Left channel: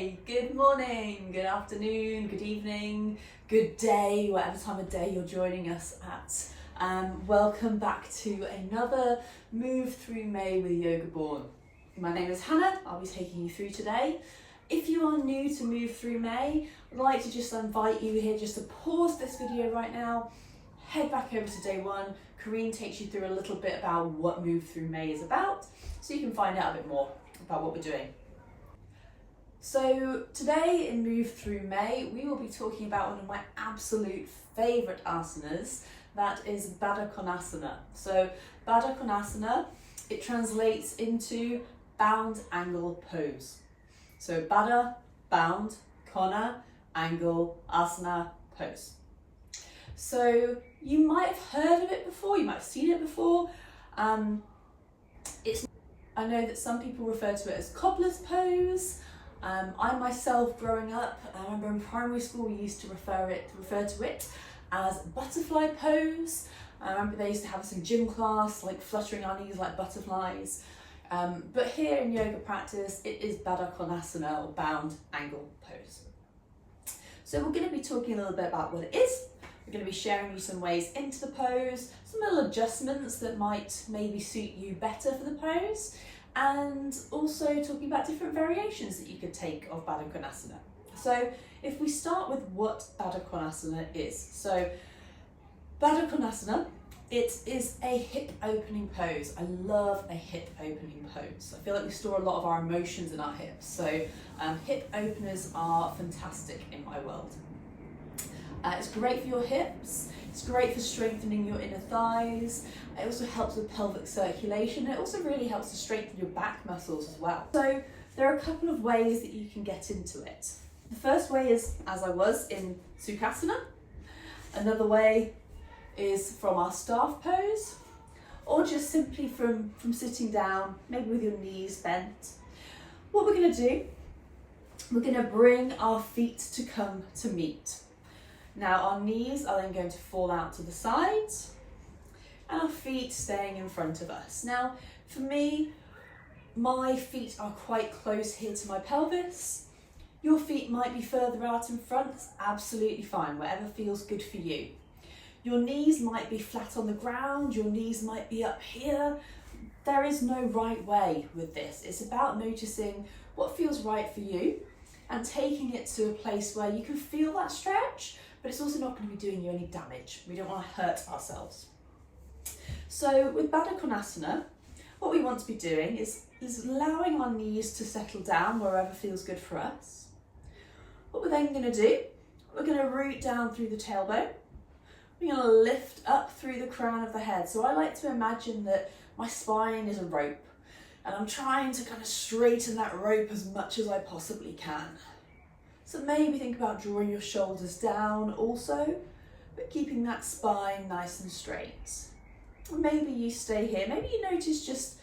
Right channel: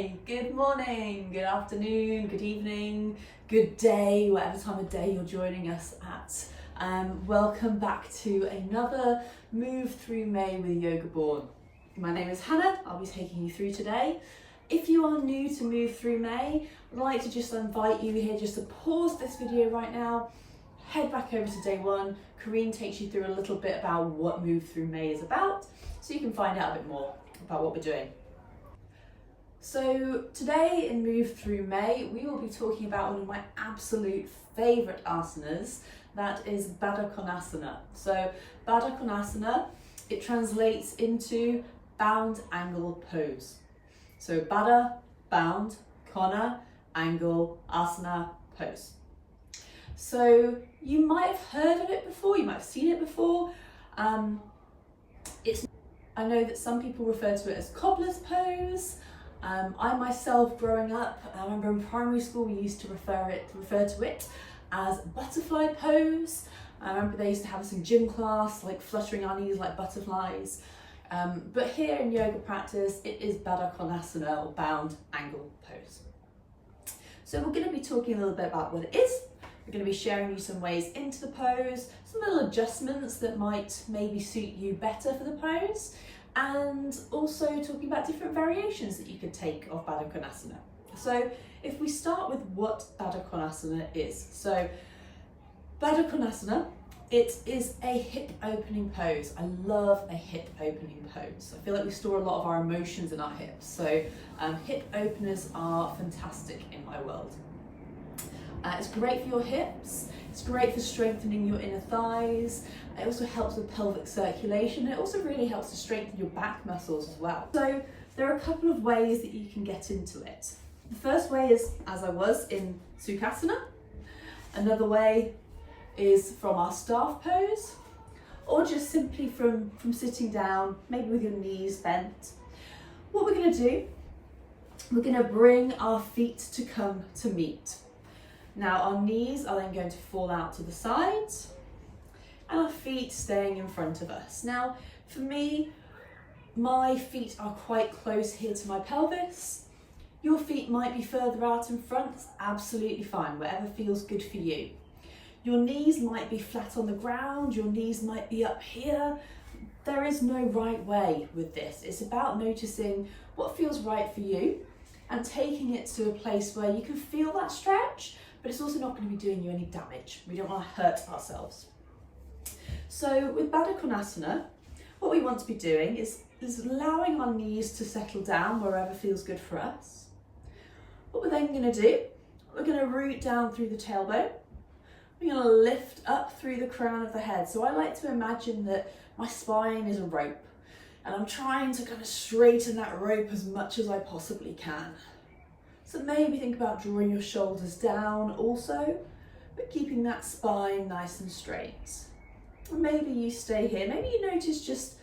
Hi, good morning, good afternoon, good evening, good day, whatever time of day you're joining us at. Welcome back to another Move Through May with Yoga Born. My name is Hannah, I'll be taking you through today. If you are new to Move Through May, I'd like to just invite you here just to pause this video right now, head back over to day one. Kareen takes you through a little bit about what Move Through May is about, so you can find out a bit more about what we're doing. So today in Move Through May, we will be talking about one of my absolute favourite asanas, that is Baddha Konasana. So Baddha Konasana, it translates into bound angle pose. So Baddha, bound, Kona, angle, asana, pose. So you might have heard of it before, you might have seen it before. I know that some people refer to it as cobbler's pose. I myself, growing up, I remember in primary school we used to refer to it as butterfly pose. I remember they used to have us in gym class, like fluttering our knees like butterflies. But here in yoga practice, it is Baddha Konasana, or bound angle pose. So we're going to be talking a little bit about what it is. We're going to be sharing you some ways into the pose, some little adjustments that might maybe suit you better for the pose, and also talking about different variations that you could take of Baddha Konasana. So if we start with what Baddha Konasana is. So Baddha Konasana, it is a hip opening pose. I love a hip opening pose. I feel like we store a lot of our emotions in our hips. So hip openers are fantastic in my world. It's great for your hips, it's great for strengthening your inner thighs, it also helps with pelvic circulation, it also really helps to strengthen your back muscles as well. So there are a couple of ways that you can get into it. The first way is as I was in Sukhasana, another way is from our staff pose, or just simply from sitting down, maybe with your knees bent. What we're going to do, we're going to bring our feet to come to meet. Now our knees are then going to fall out to the sides and our feet staying in front of us. Now for me, my feet are quite close here to my pelvis. Your feet might be further out in front, that's absolutely fine, whatever feels good for you. Your knees might be flat on the ground, your knees might be up here. There is no right way with this. It's about noticing what feels right for you and taking it to a place where you can feel that stretch, but it's also not going to be doing you any damage. We don't want to hurt ourselves. So with Baddha Konasana, what we want to be doing is allowing our knees to settle down wherever feels good for us. What we're then going to do, we're going to root down through the tailbone. We're going to lift up through the crown of the head. So I like to imagine that my spine is a rope and I'm trying to kind of straighten that rope as much as I possibly can. So maybe think about drawing your shoulders down also, but keeping that spine nice and straight. And maybe you stay here. Maybe you notice just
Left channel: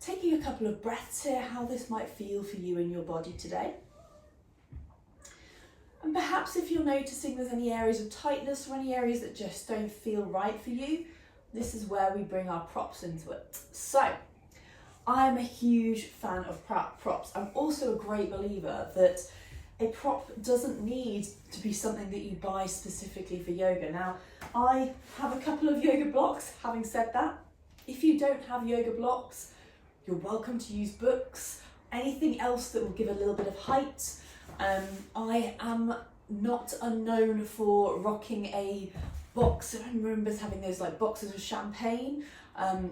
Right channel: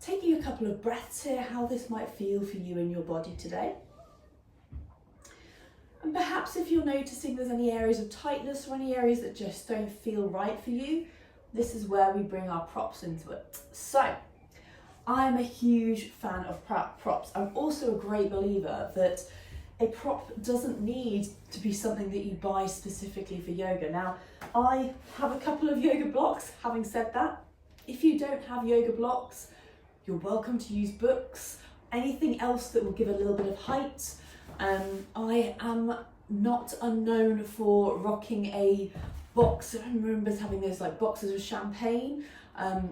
taking a couple of breaths here, how this might feel for you in your body today. And perhaps if you're noticing there's any areas of tightness or any areas that just don't feel right for you, this is where we bring our props into it. So I'm a huge fan of props. I'm also a great believer that a prop doesn't need to be something that you buy specifically for yoga. Now, I have a couple of yoga blocks. Having said that, if you don't have yoga blocks, you're welcome to use books, anything else that will give a little bit of height. I am not unknown for rocking a box. I remember having those like boxes of champagne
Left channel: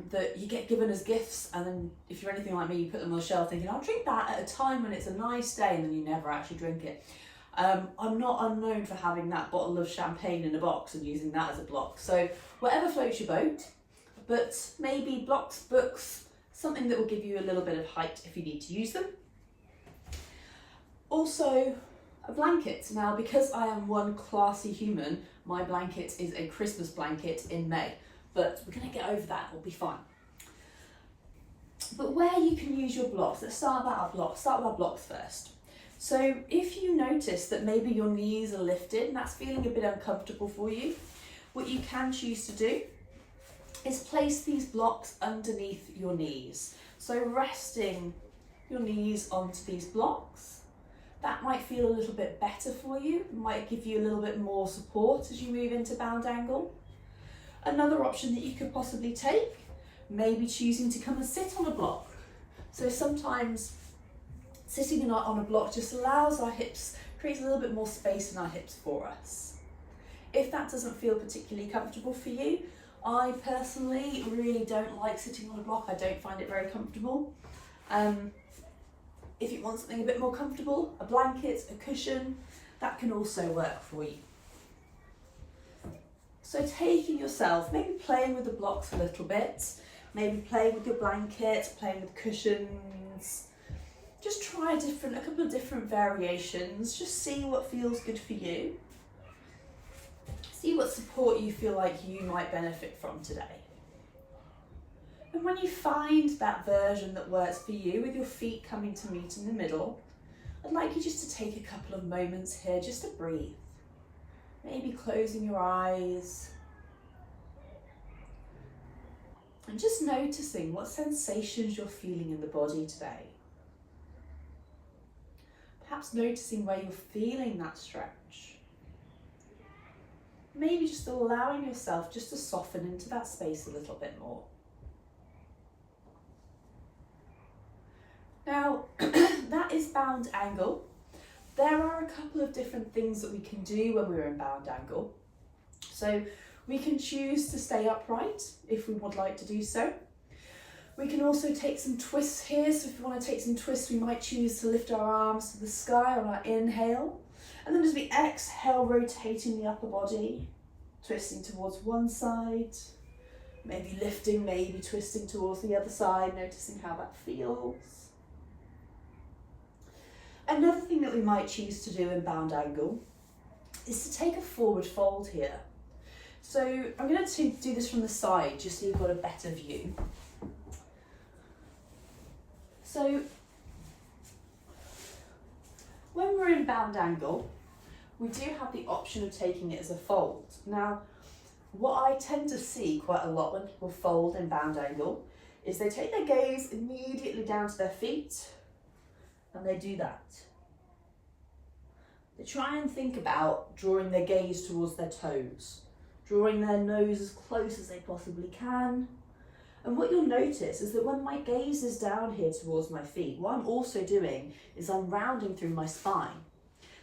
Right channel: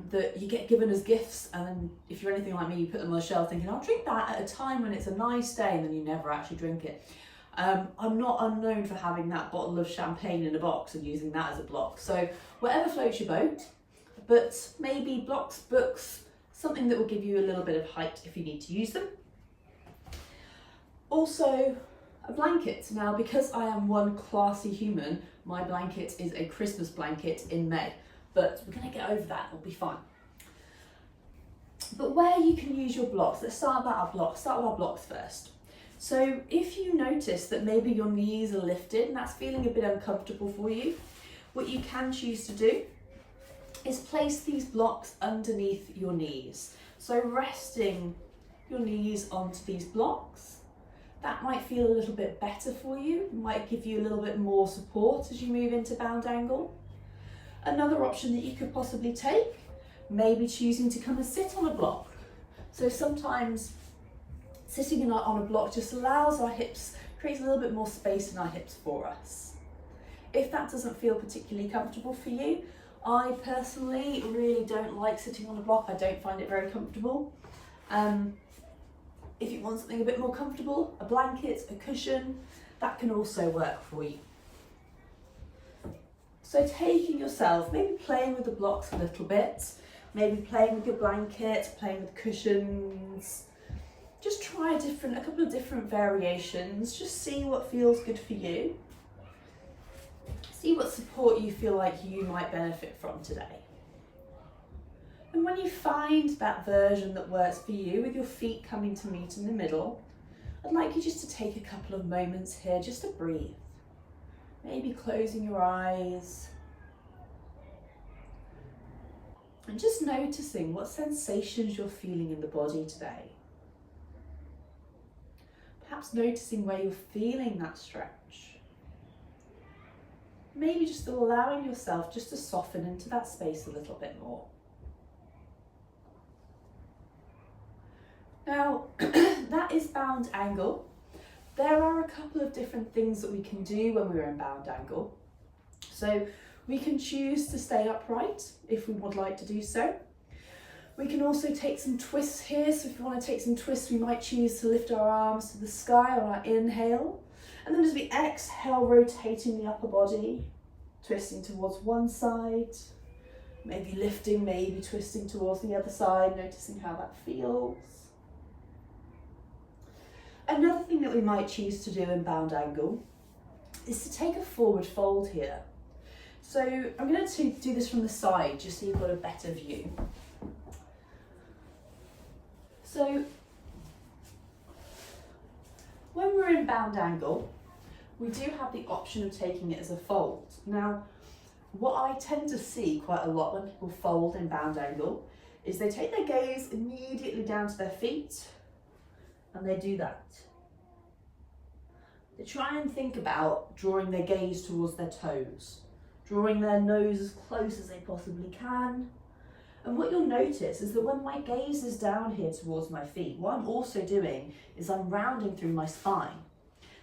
that you get given as gifts, and then if you're anything like me, you put them on the shelf thinking I'll drink that at a time when it's a nice day, and then you never actually drink it. I'm not unknown for having that bottle of champagne in a box and using that as a block. So whatever floats your boat, but maybe blocks, books, something that will give you a little bit of height if you need to use them. Also a blanket. Now because I am one classy human, my blanket is a Christmas blanket in May. But we're going to get over that, we'll be fine. But where you can use your blocks, let's start with our blocks first. So if you notice that maybe your knees are lifted and that's feeling a bit uncomfortable for you, what you can choose to do is place these blocks underneath your knees. So resting your knees onto these blocks, That might feel a little bit better for you, might give you a little bit more support as you move into bound angle. Another option that you could possibly take, maybe choosing to come and sit on a block. So sometimes sitting on a block just allows our hips, creates a little bit more space in our hips for us. If that doesn't feel particularly comfortable for you, I personally really don't like sitting on a block. I don't find it very comfortable. If you want something a bit more comfortable, a blanket, a cushion, that can also work for you. So taking yourself, maybe playing with the blocks a little bit, maybe playing with your blanket, playing with cushions. Just try a couple of different variations. Just see what feels good for you. See what support you feel like you might benefit from today. And when you find that version that works for you, with your feet coming to meet in the middle, I'd like you just to take a couple of moments here just to breathe. Maybe closing your eyes. And just noticing what sensations you're feeling in the body today. Perhaps noticing where you're feeling that stretch. Maybe just allowing yourself just to soften into that space a little bit more. Now, that is bound angle. There are a couple of different things that we can do when we're in bound angle. So we can choose to stay upright if we would like to do so. We can also take some twists here. So if you want to take some twists, we might choose to lift our arms to the sky on our inhale. And then as we exhale, rotating the upper body, twisting towards one side, maybe lifting, maybe twisting towards the other side, noticing how that feels. Another thing that we might choose to do in bound angle is to take a forward fold here. So I'm going to do this from the side just so you've got a better view. So when we're in bound angle, we do have the option of taking it as a fold. Now, what I tend to see quite a lot when people fold in bound angle is they take their gaze immediately down to their feet and they do that. They try and think about drawing their gaze towards their toes, drawing their nose as close as they possibly can. And what you'll notice is that when my gaze is down here towards my feet, what I'm also doing is I'm rounding through my spine.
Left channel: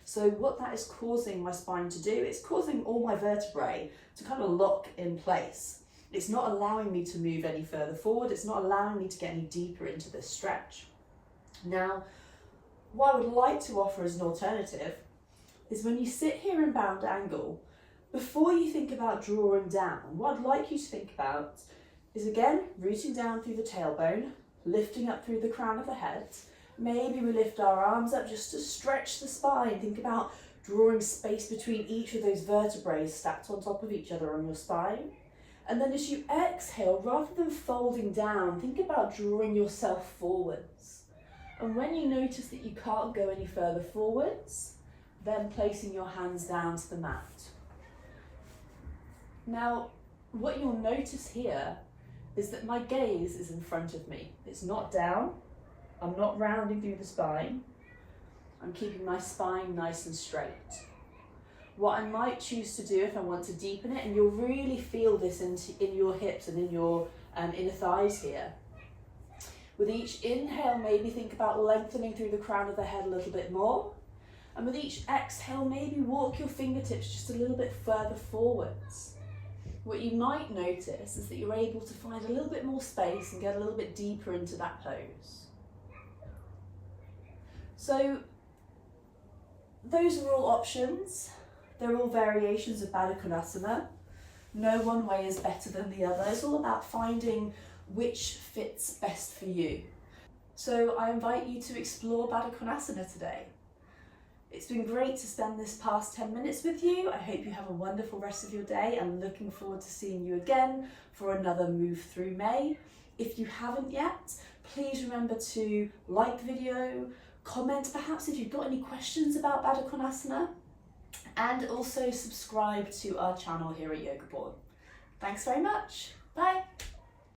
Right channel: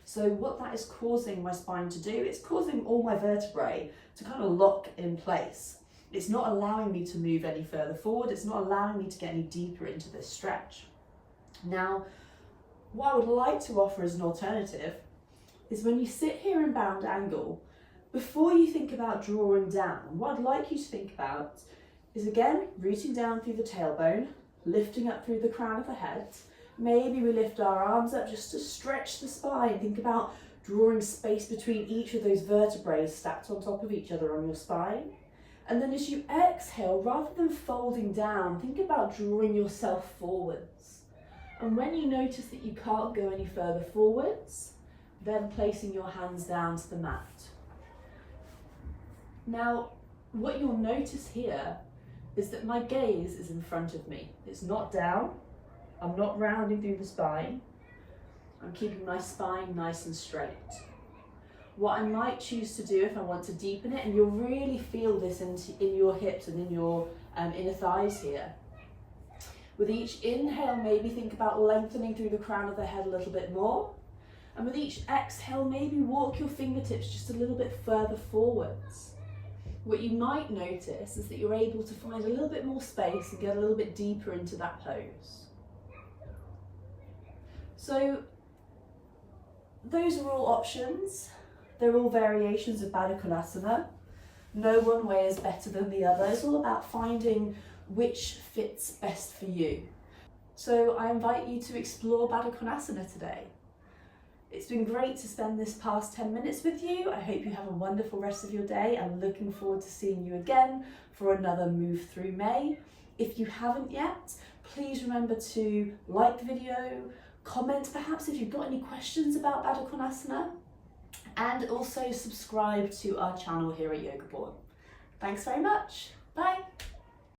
So what that is causing my spine to do, it's causing all my vertebrae to kind of lock in place. It's not allowing me to move any further forward. It's not allowing me to get any deeper into this stretch. Now, what I would like to offer as an alternative is when you sit here in bound angle, before you think about drawing down, what I'd like you to think about is again, rooting down through the tailbone, lifting up through the crown of the head. Maybe we lift our arms up just to stretch the spine. Think about drawing space between each of those vertebrae stacked on top of each other on your spine. And then as you exhale, rather than folding down, think about drawing yourself forwards. And when you notice that you can't go any further forwards, then placing your hands down to the mat. Now, what you'll notice here is that my gaze is in front of me. It's not down. I'm not rounding through the spine. I'm keeping my spine nice and straight. What I might choose to do if I want to deepen it, and you'll really feel this in your hips and in your inner thighs here. With each inhale, maybe think about lengthening through the crown of the head a little bit more. And with each exhale, maybe walk your fingertips just a little bit further forwards. What you might notice is that you're able to find a little bit more space and get a little bit deeper into that pose. So those are all options. They're all variations of Baddha Konasana. No one way is better than the other. It's all about finding which fits best for you. So I invite you to explore Baddha Konasana today. It's been great to spend this past 10 minutes with you. I hope you have a wonderful rest of your day and looking forward to seeing you again for another move through May. If you haven't yet, please remember to like the video, comment perhaps if you've got any questions about Baddha Konasana, and also subscribe to our channel here at Yoga Born. Thanks very much. Bye.